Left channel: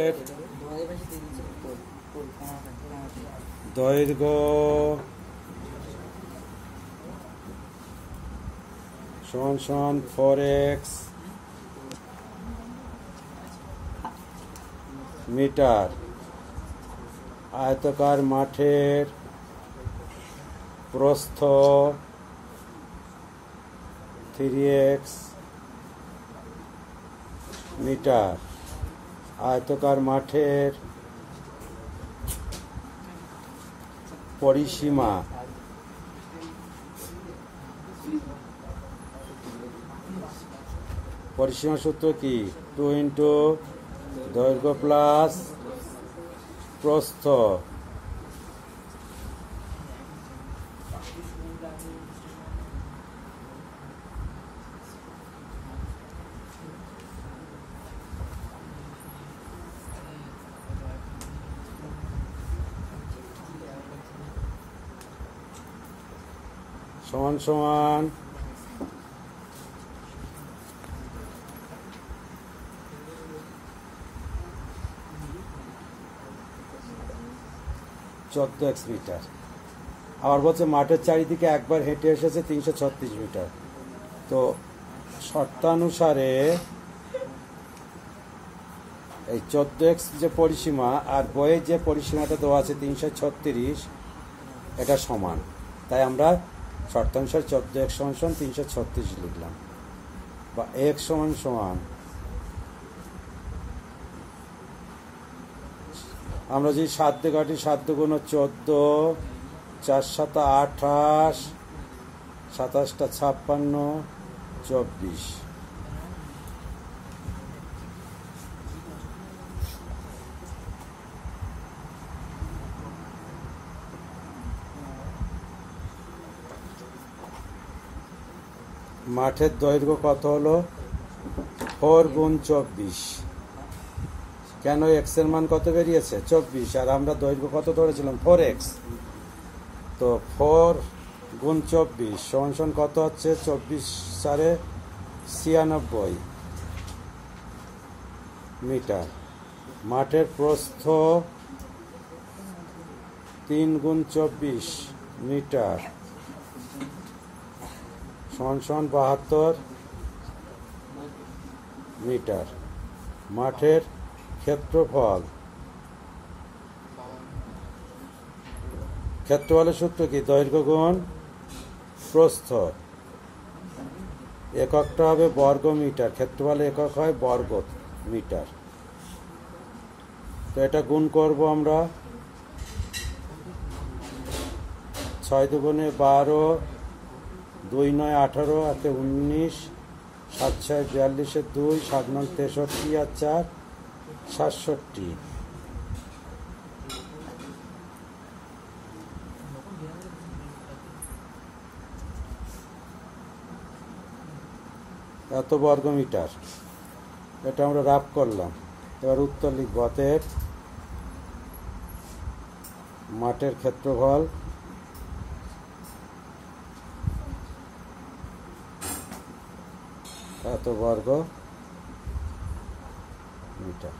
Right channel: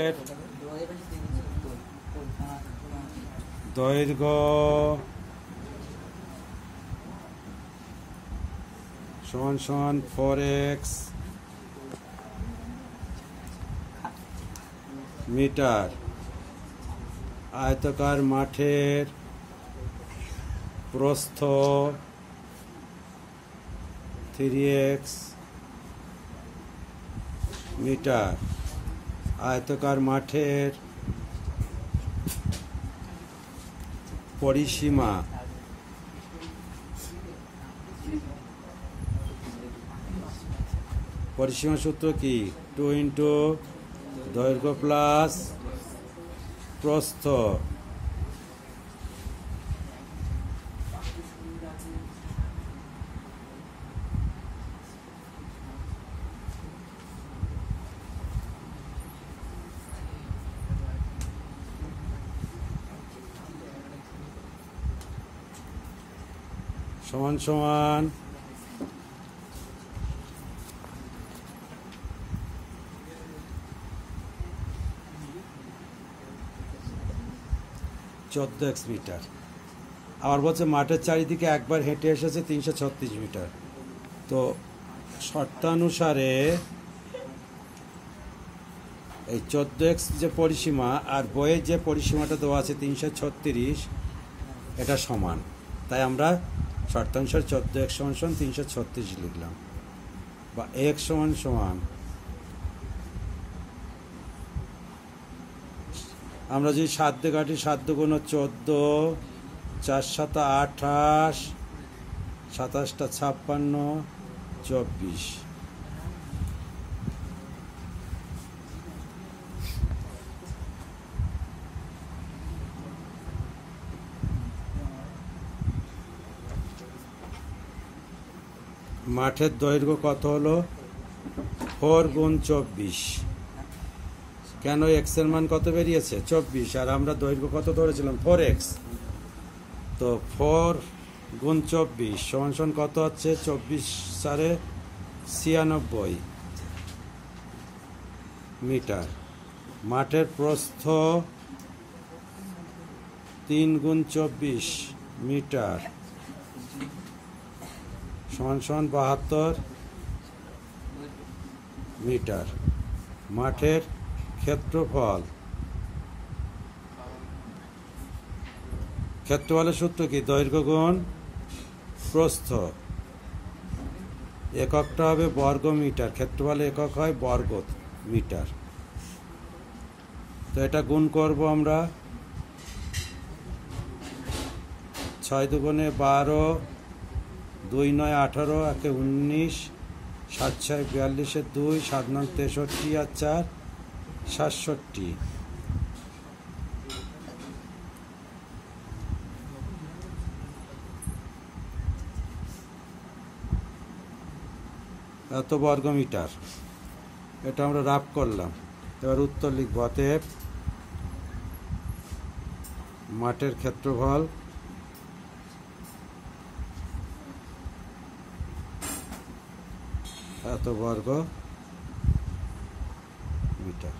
এর দৈর্ঘ্য সমান সমান 4x মিটার। আয়তাকার মাঠের প্রস্থ 3x মিটার। আয়তাকার মাঠের পরিসীমা সূত্র কি? 2 ইন্টু দৈর্ঘ্য প্লাস প্রস্থ। সমান সমান 14x মিটার। আবার বলছে মাঠের চারিদিকে একবার হেঁটে এসেছে 336 মিটার। তো শর্তানুসারে এই 14x যে পরিসীমা আর বইয়ে যে পরিসীমাটা দেওয়া আছে 336, এটা সমান। তাই আমরা শর্তানুসার 14x সমান সমান 336 লিখলাম, বা x সমান সমান, আমরা যদি 7 দিয়ে কাটি, 7 দুগুণ 14, 4 7 28, 27 56, 24। মাঠের দৈর্ঘ্য কত হলো? 4 গুণ 24। কেন? এক্স এর মান কত বেরিয়েছে? 24, আর আমরা দৈর্ঘ্য কত ধরেছিলাম? 4x। তো 4 গুণ 24 সমান সমান কত হচ্ছে? 24 4 96 মিটার। মাঠের প্রস্থ 3 গুণ 24 মিটার সমান সমান 72 মিটার। মাঠের ক্ষেত্রফলের সূত্র কি? দৈর্ঘ্য গুণ প্রস্থ। এককটা হবে বর্গ মিটার, ক্ষেত্রফলের একক হয় বর্গ মিটার। তো এটা গুণ করব আমরা। 6 দুগুণে 12, 2 9 18, 1 19, 7 6 42, 2 7 9 63, আর 4 67। এত বর্গ মিটার। এটা আমরা রাফ করলাম। এবার উত্তর লিখব। অতএব মাঠের ক্ষেত্রফল এত বর্গ মিটার।